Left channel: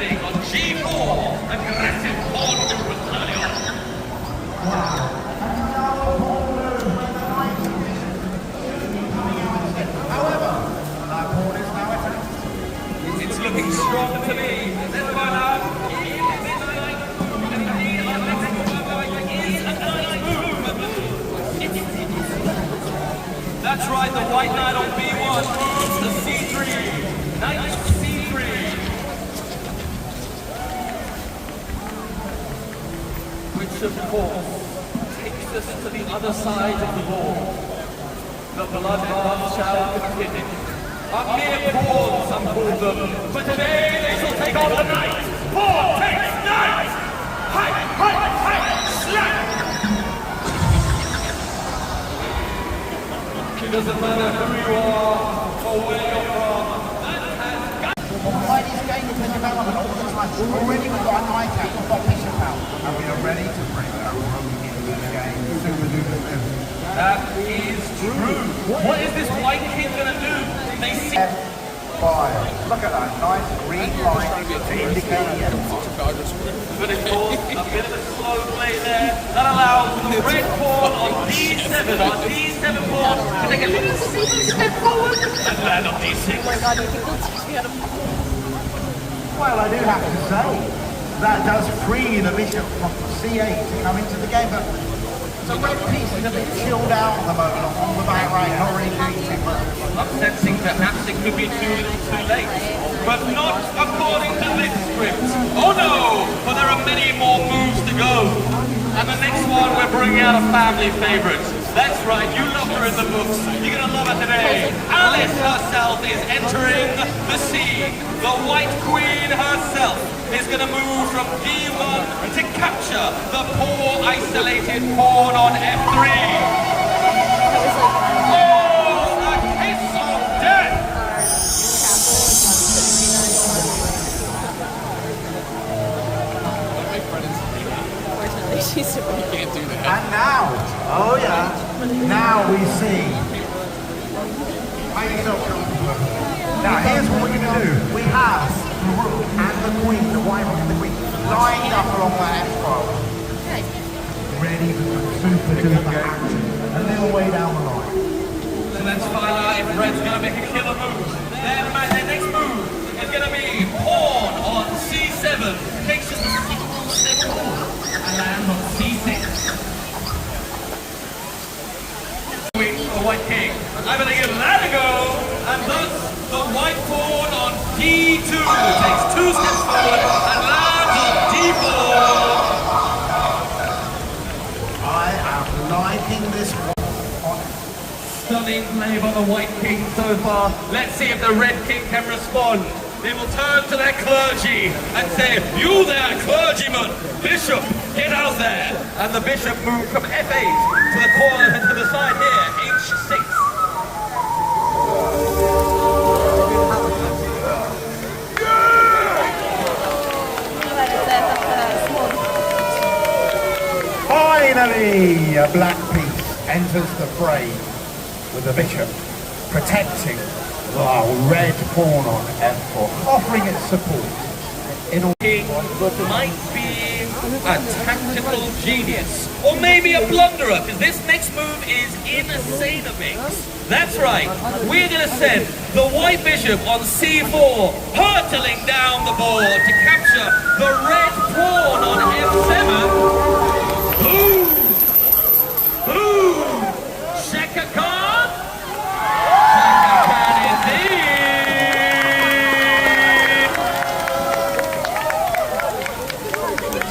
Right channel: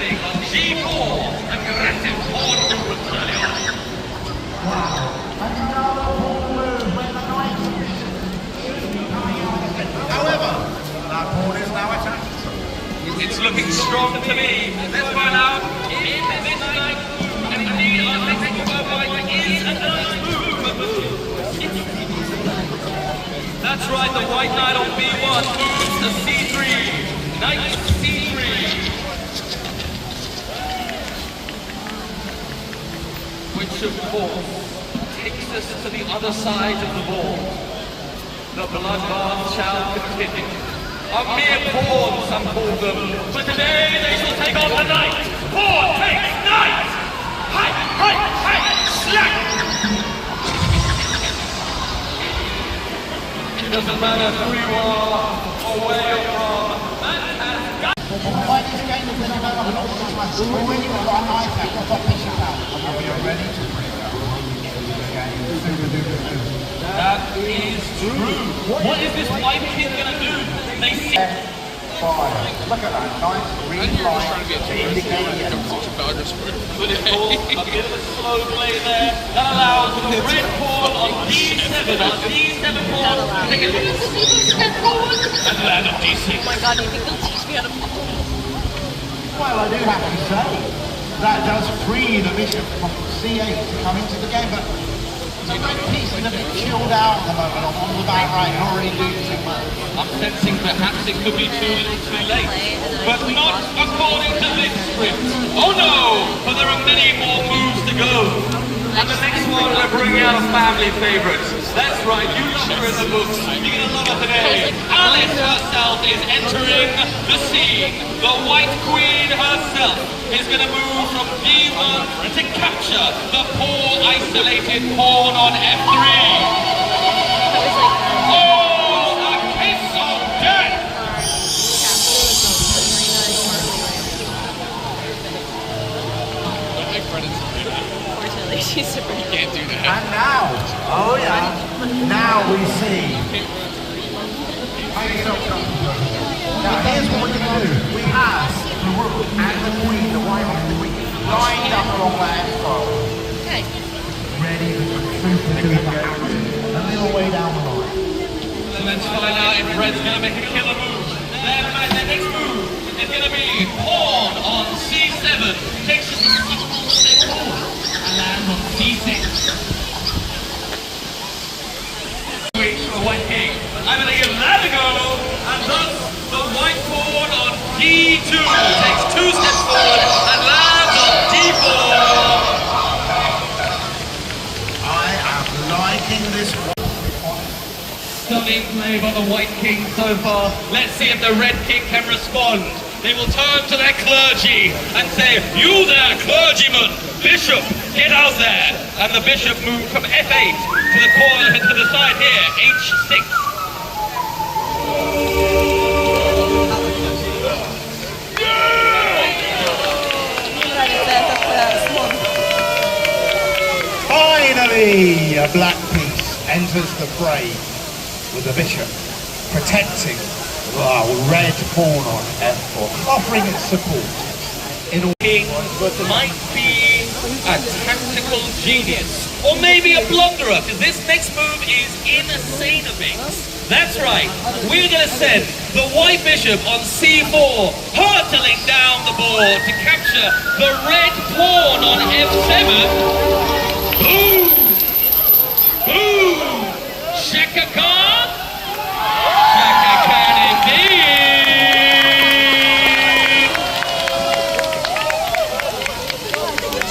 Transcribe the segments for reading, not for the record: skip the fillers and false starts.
defending on G4. Aggressive pawn movement early on. Wow. And now a pawn move when the knight and bishop. However, that pawn is now attacked. It's looking strong to me. Let's find out if this knight indeed our next move is a nice move. That's right, the white knight on B1 moves to C3. Knight C3. Which of course takes us to the other side of the board. The bloodbath shall continue. A mere pawn, some call them, but today they shall take on the knight. Pawn takes knight! Hi, slack! It doesn't matter who you are or where you are. Why these games have been developing all the time? Already we've got a knight out, we've got bishop out. And we are ready to bring that rook into the game. Super duper soon. That is true. What is this white king going to do? They see... Fire. Look at that nice green light to indicate yes. But it's all a bit of a slow play there. That allows the red pawn on D7, on D7 pawn to take a little step forward and land on D6. Well, I do have to say, that does free the bishop from C8 to come into the game, but the red piece is a bit chilled out at the moment on the back right, not really doing too much. I'm sensing perhaps it could be too little too late, but not according to this script. Oh no, for there are many more moves to go. And the next one, we're bringing out a family favorite. That's right, you love her in the books. You're gonna love her today. Alice herself is entering the scene. The White Queen herself is gonna move from D1 to capture the poor isolated pawn on F3. And now, oh yeah, now we see. Now here's what we're going to do. We have the rook and the queen, the white and the queen, lying up along that F-file. Ready for super duper action. A little way down the line. So let's find out if Red's going to make a killer move. Their next move is going to be pawn on C7. Takes just a small step forward and lands on C6. Wait for the white king. I'm going to give that a go, and thus the white pawn on D2 takes 2 steps forward and lands on D4. I am liking this one. Stunning play by the white king so far. Let's see if the red king can respond. They will turn to their clergy and say, "You there, clergyman, bishop, get out there." And the bishop moved from F8 to the corner to the side here, H6. Finally, a black piece enters the fray with the bishop protecting the red pawn on F4, offering its support. But might be a tactical genius, or maybe a blunderer, because this next move is insane of things. That's right, we're going to send the white bishop on C4, hurtling down the board to capture the red pawn on F7. Boom! Boom! Shaka Khan? Shaka Khan indeed!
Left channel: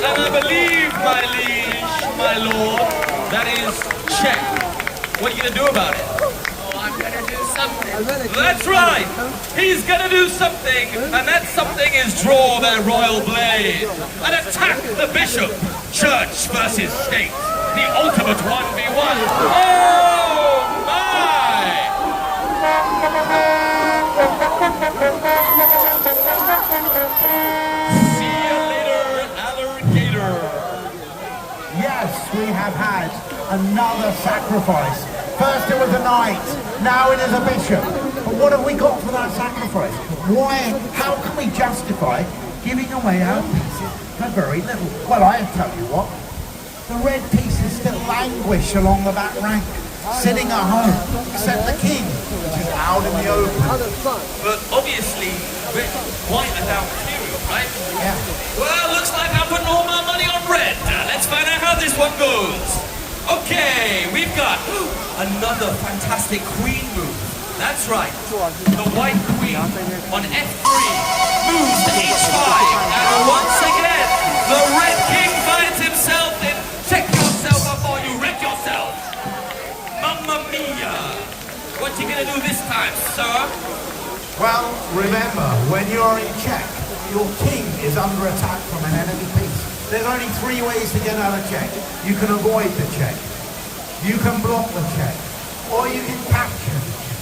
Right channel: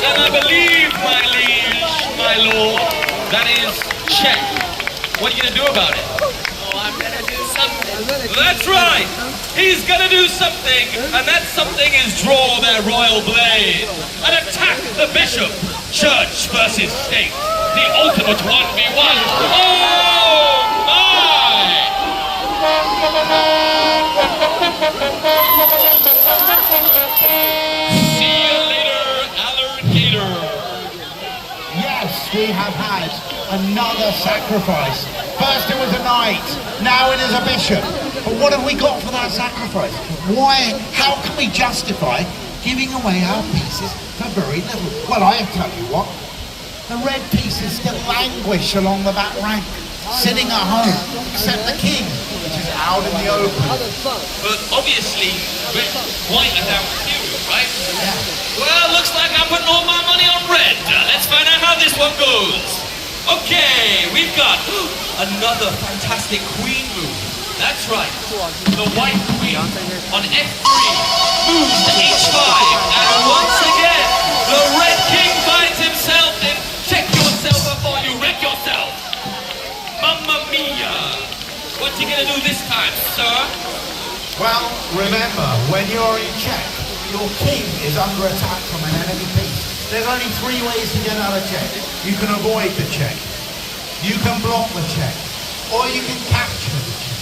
And I believe, my liege, my lord, that is check. What are you going to do about it? Oh, I'm going to do something. That's right! He's going to do something, and that something is draw their royal blade and attack the bishop. Church versus state. The ultimate 1v1. Oh my! See you later, alligator. Yes, we have had another sacrifice. First it was a knight, now it is a bishop. But what have we got for that sacrifice? Why, how can we justify giving away our pieces for very little. Well, I'll tell you what, the red pieces still languish along the back rank, sitting at home, except the king, which is out in the open. But obviously, red, white are down too, right? Yeah. Well, looks like I'm putting all my money on red. Let's find out how this one goes. Okay, we've got another fantastic queen move. That's right. The white queen on F3 moves to H5. And once again, the red king finds himself in check yourself before you wreck yourself. Mamma mia. What's he gonna do this time, sir? Well, remember, when you're in check, your king is under attack from an enemy piece. There's only 3 ways to get out of check. You can avoid the check, you can block the check, or you can capture the check.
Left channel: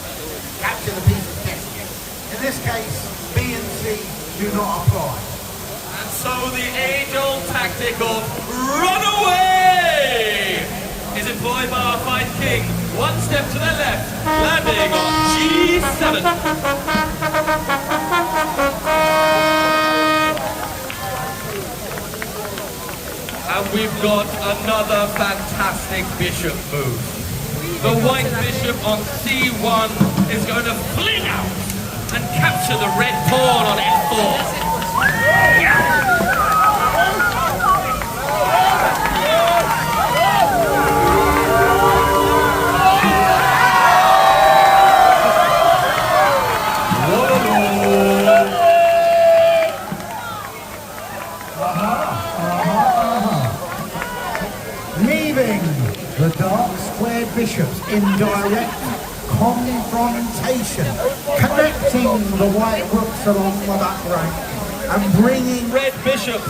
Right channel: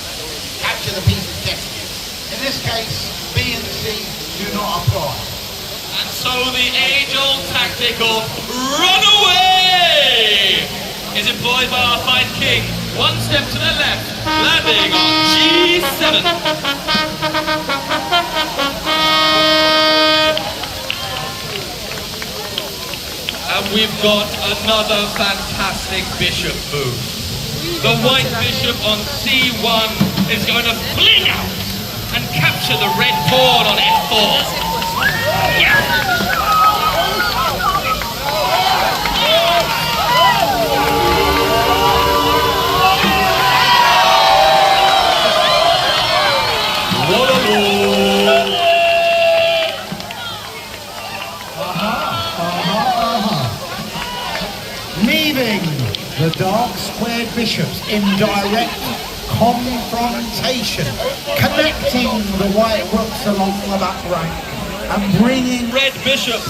Capture the piece that's getting you. In this case, B and C do not apply. And so the age-old tactic of run away is employed by our fine king. One step to the left, landing on G7. And we've got another fantastic bishop move. The white bishop on C1 is going to fling out and capture the red pawn on F4. Yeah. Leaving the dark square bishops in direct confrontation, connecting the white rooks along the back rank and bringing Red bishop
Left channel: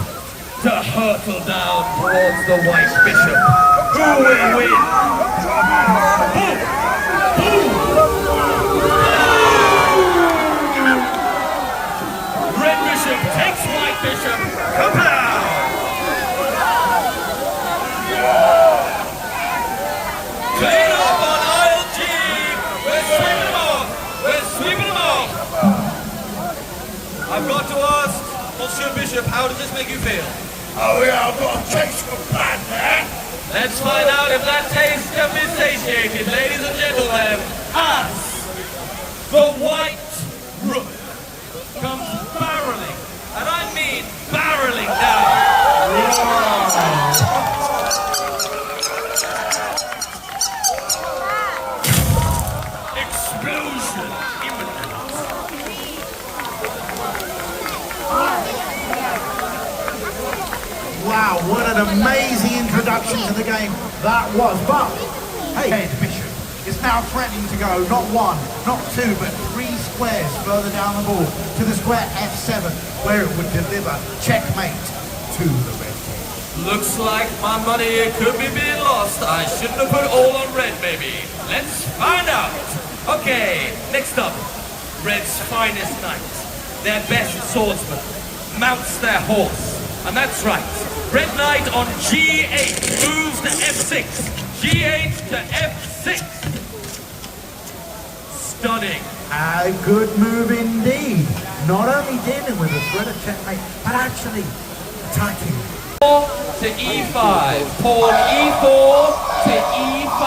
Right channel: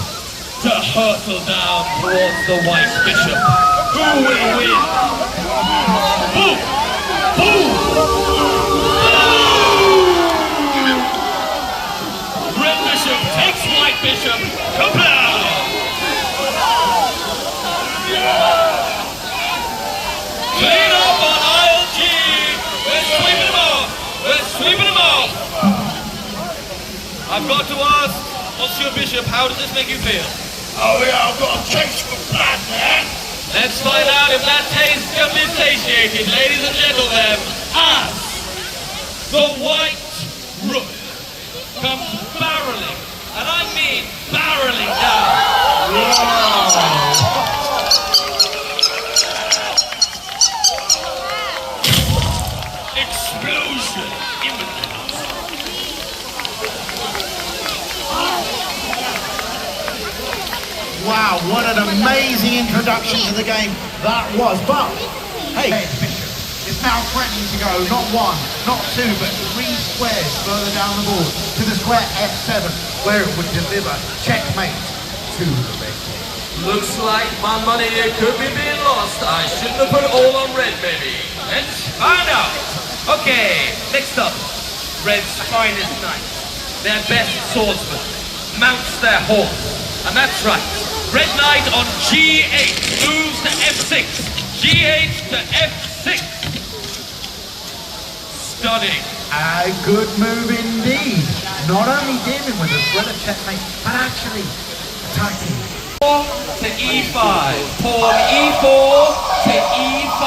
to hurtle down towards the white bishop. Who will win? Boom! Boom! Red bishop takes white bishop. Kapow! Clean up on aisle G! We're sweeping them off! We're sweeping them off! I've got to ask, Monsieur Bishop, how does this make you feel? Oh yeah, I've got a taste for blood, eh? Let's find out if that taste can be satiated, ladies and gentlemen, as the white rook comes barreling, and I mean barreling down. Explosion imminent. wow, what an amazing introduction to the game that was. But hey, red bishop is now threatening to go not 1, not 2, but 3 squares further down the board to the square F7, where it would deliver checkmate to the red king. Looks like my money could be being lost. I shouldn't have put it all on red, baby. Let's find out. Okay, next up, Red's finest knights, their best swordsman, mounts their horse. And that's right, Red Knight on G8 moves to F6, G8 to F6. Stunning. A good move indeed. Not only dealing with a threat of checkmate, but actually attacking. To E5, pawn E4 to E5.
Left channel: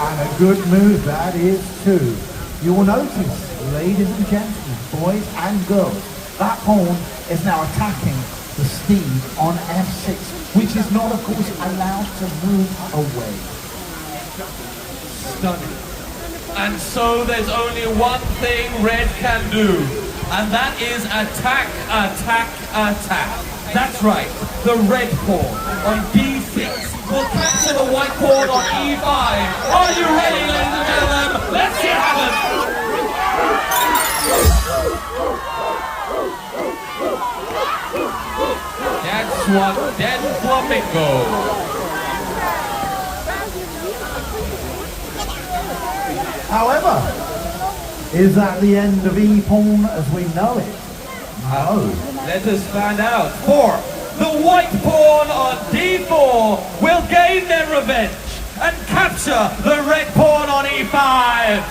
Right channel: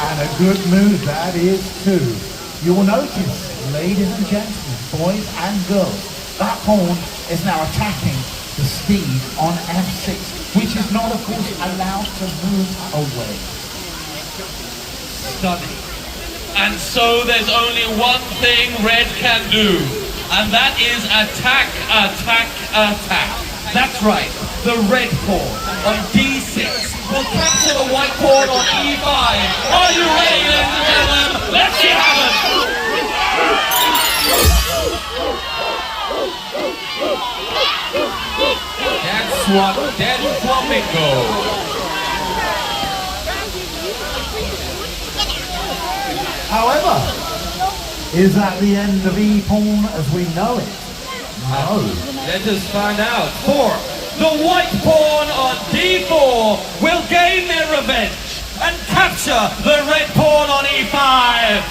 And a good move that is too. You will notice, ladies and gentlemen, boys and girls, that pawn is now attacking the speed on F6, which is not, of course, allowed to move away. Stunning. And so there's only one thing Red can do, and that is attack, attack, attack. That's right, the red pawn on D6 will capture the white pawn on E5. Are you ready, ladies and gentlemen? Let's see how That's one dead flamingo. However, is that the end of E-pawn as we know it? No. Let us find out. For the white pawn on D4 will gain their revenge and capture the red pawn on E5.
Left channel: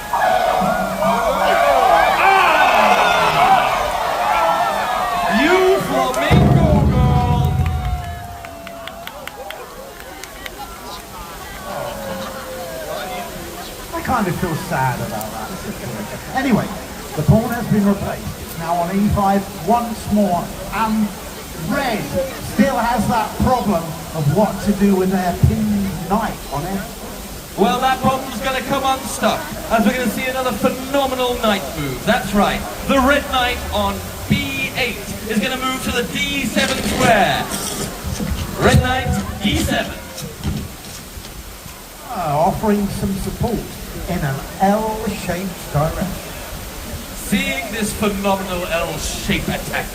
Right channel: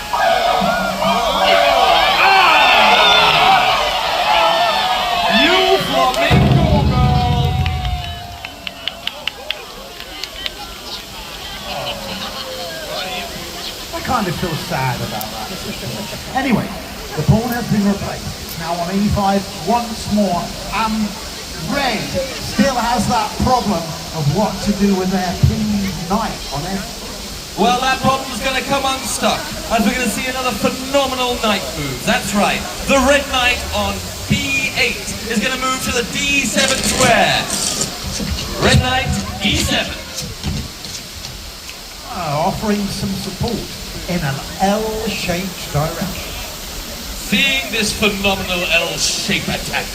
Anyway, the pawn has been replaced. Now on e5 once more. Red still has that problem of what to do with their pinned knight on f. Well, that problem's going to come unstuck, as we're going to see another phenomenal knight move. That's right. The red knight on b8 is going to move to the d7 square. Red knight, e7. Offering some support in an L-shaped direction. Seeing this phenomenal L-shaped attack,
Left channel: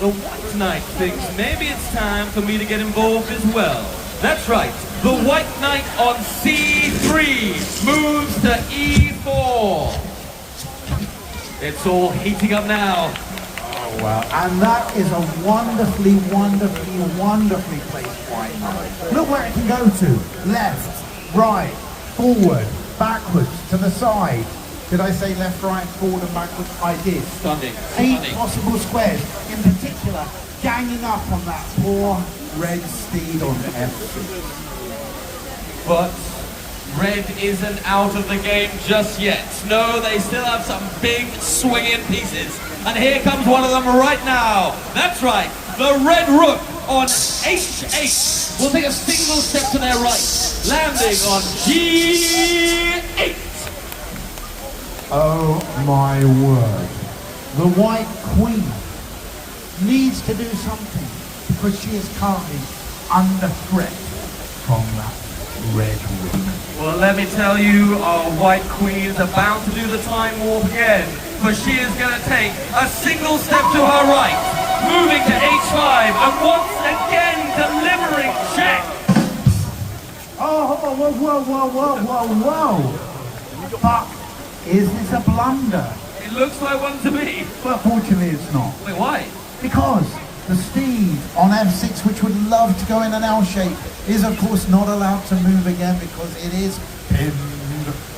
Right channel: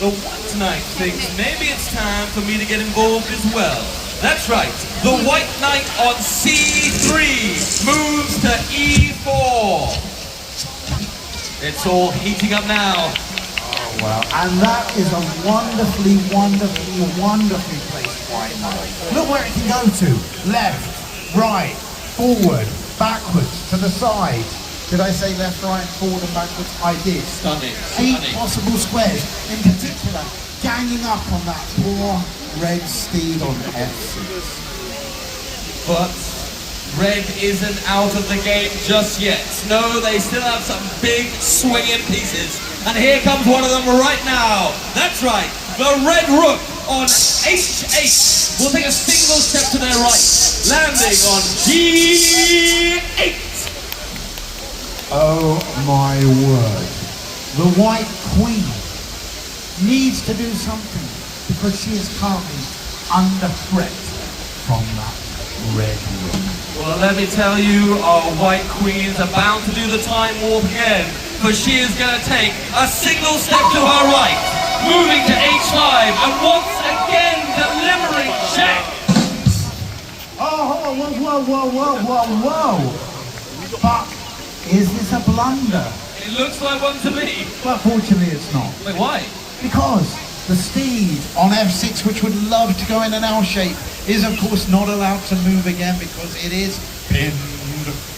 the white knight thinks maybe it's time for me to get involved as well. That's right. The white knight on c3 moves to e4. It's all heating up now. Wow. And that is a wonderfully placed white knight. Look where it can go to. Left, right, forward, backwards, to the side. Did I say left, right, forward and backwards? I did. Stunning. 8 possible squares, in particular, ganging up on that poor red steed on f6. But red isn't out of the game just yet. No, they still have some big swinging pieces. And here comes one of them right now. That's right. The red rook on h8 will take a single step to their right, landing on g8. Oh my word. The white queen needs to do something because she is currently under threat from that red ring. Well, let me tell you, our white queens are bound to do the time warp again, for she is going to take a single step to her right, moving to h5, and once again delivering check. Oh, whoa. But is this a blunder? It looks like one to me. But fortunately it's not. Wait, why? Because the steed on f6, which would love to go in an L shape, is of course not allowed to move again because it is pinned.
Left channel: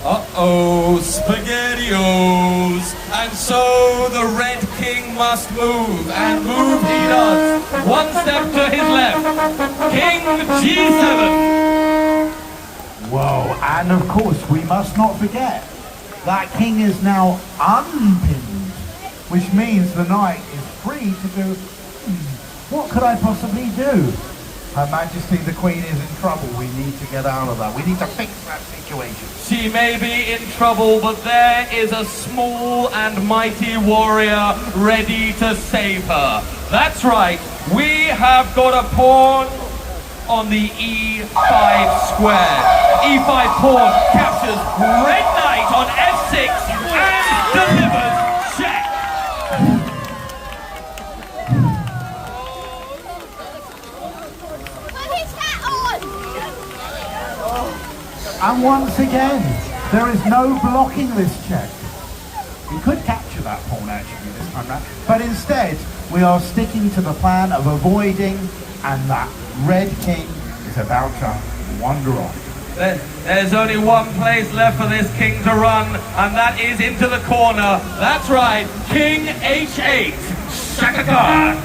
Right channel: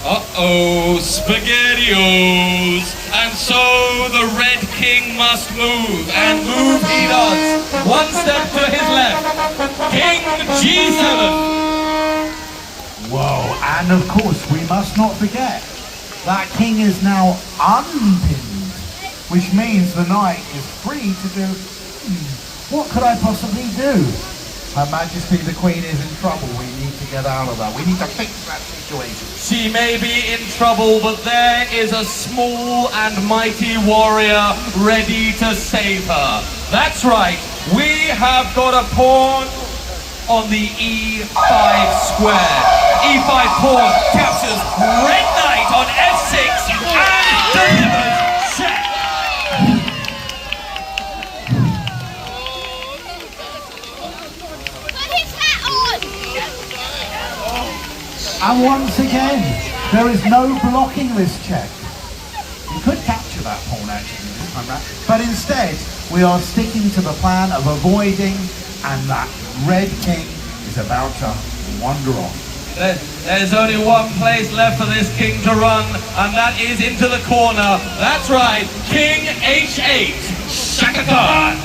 Uh-oh, SpaghettiOs. And so the red king must move, and move he does. One step to his left. King g7. Whoa, and of course we must not forget that king is now unpinned, which means the knight is free to do, what could I possibly do? Her Majesty the Queen is in trouble. We need to get out of that. We need to fix that situation. She may be in trouble, but there is a small and mighty warrior ready to save her. That's right, we have got a pawn on the e5 square. e5 pawn captures red knight on f6 and delivers check. And once again, there is no blocking this check. You could capture that pawn actually this time out, but instead we are sticking to the plan of avoiding, and that red king is about to wander off. There's only one place left for this king to run, and that is into the corner. That's right, King h8, Shaka Khan.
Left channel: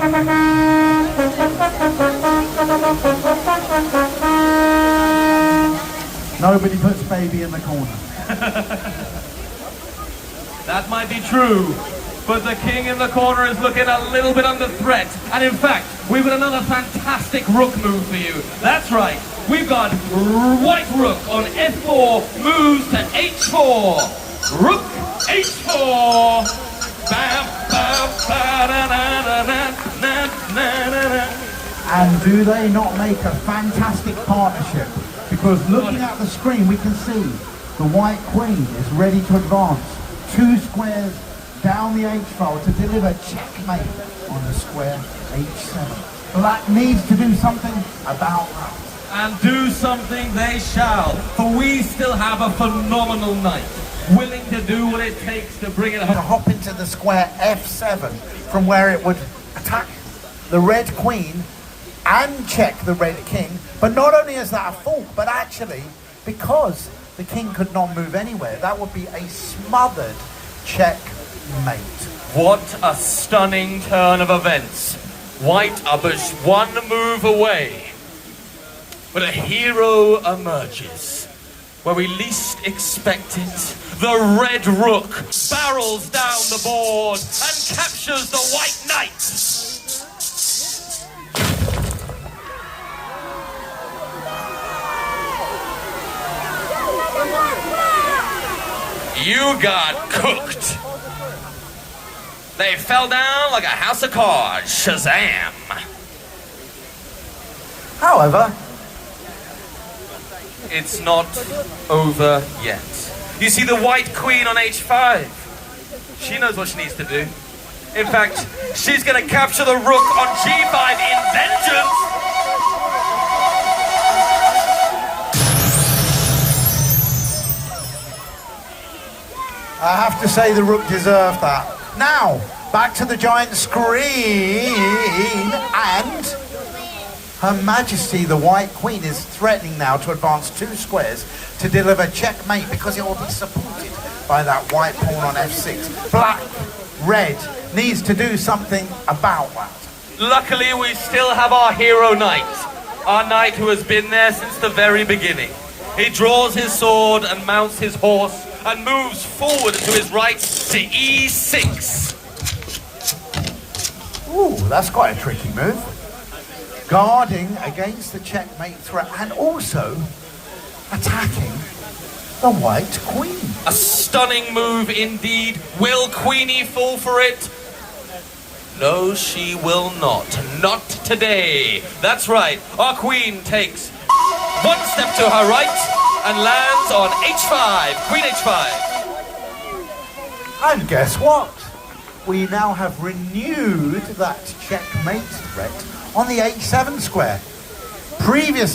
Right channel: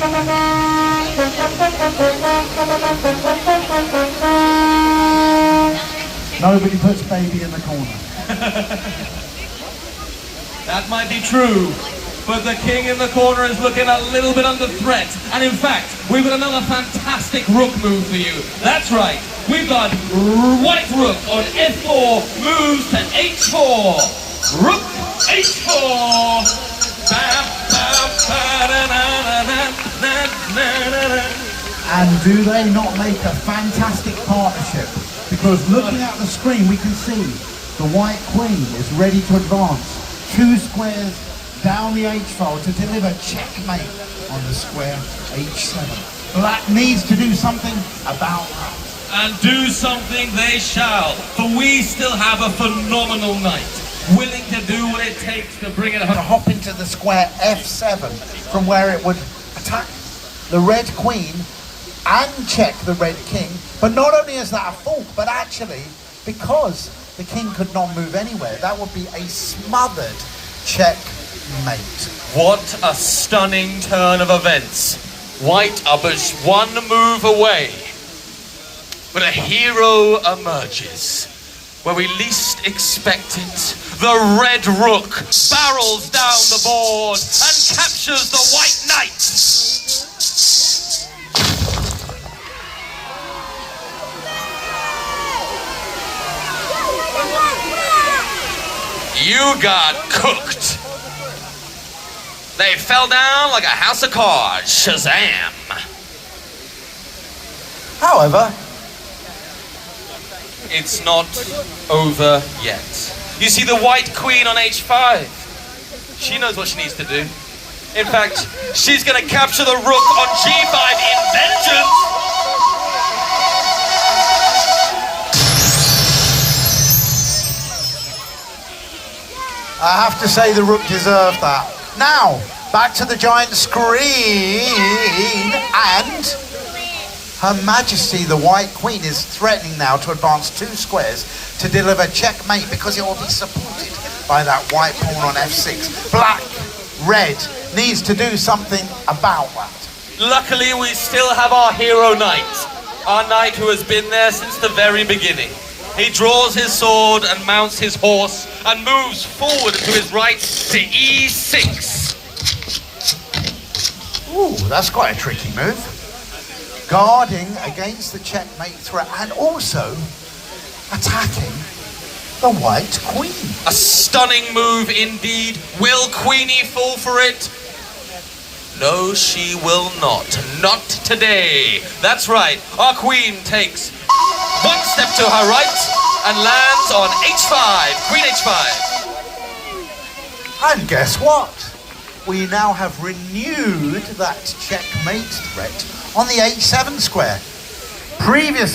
Nobody puts baby in the corner. That might be true, but the king in the corner is looking a little bit under threat. And in fact, we've got another fantastic rook move for you. That's right, we've got white rook on f4, moves to h4. Rook h4. And do they not make a fantastic partnership? Because looking at the screen, we can see the white queen is ready to advance 2 squares down the h-file to deliver checkmate on the square h7. Black needs to do something about that. And do something they shall, for we still have a phenomenal knight, willing to do what it takes to bring it To home. hop into the square f7 from where it would attack the red queen and check the red king. But not only is that a fault, but actually, because the king could not move anywhere, that would be a smothered checkmate. What a stunning turn of events. White are but one move away, but a hero emerges. where we least expect it, the red rook barrels down the board and captures the white knight. You got cooked. They fell down like a house of cards. Shazam. However, It's not over yet. You see the white queen on h5. She knows what she needs to do. In fact, she's going to capture the rook on g5 in vengeance. I have to say the rook deserved that. Now, back to the giant screen, and Her Majesty the White Queen is threatening now to advance 2 squares to deliver checkmate because it will be supported by that white pawn on f6. Black, red, needs to do something about that. Luckily, we still have our hero knight. Our knight who has been there since the very beginning. He draws his sword and mounts his horse and moves forward to his right to e6. Ooh, that's quite a tricky move. Guarding against the checkmate threat and also attacking the white queen. A stunning move indeed. Will Queenie fall for it? No, she will not. Not today. That's right. Our queen takes 1 step to her right and lands on h5. Queen h5. And guess what? We now have renewed that checkmate threat on the h7 square. Previously,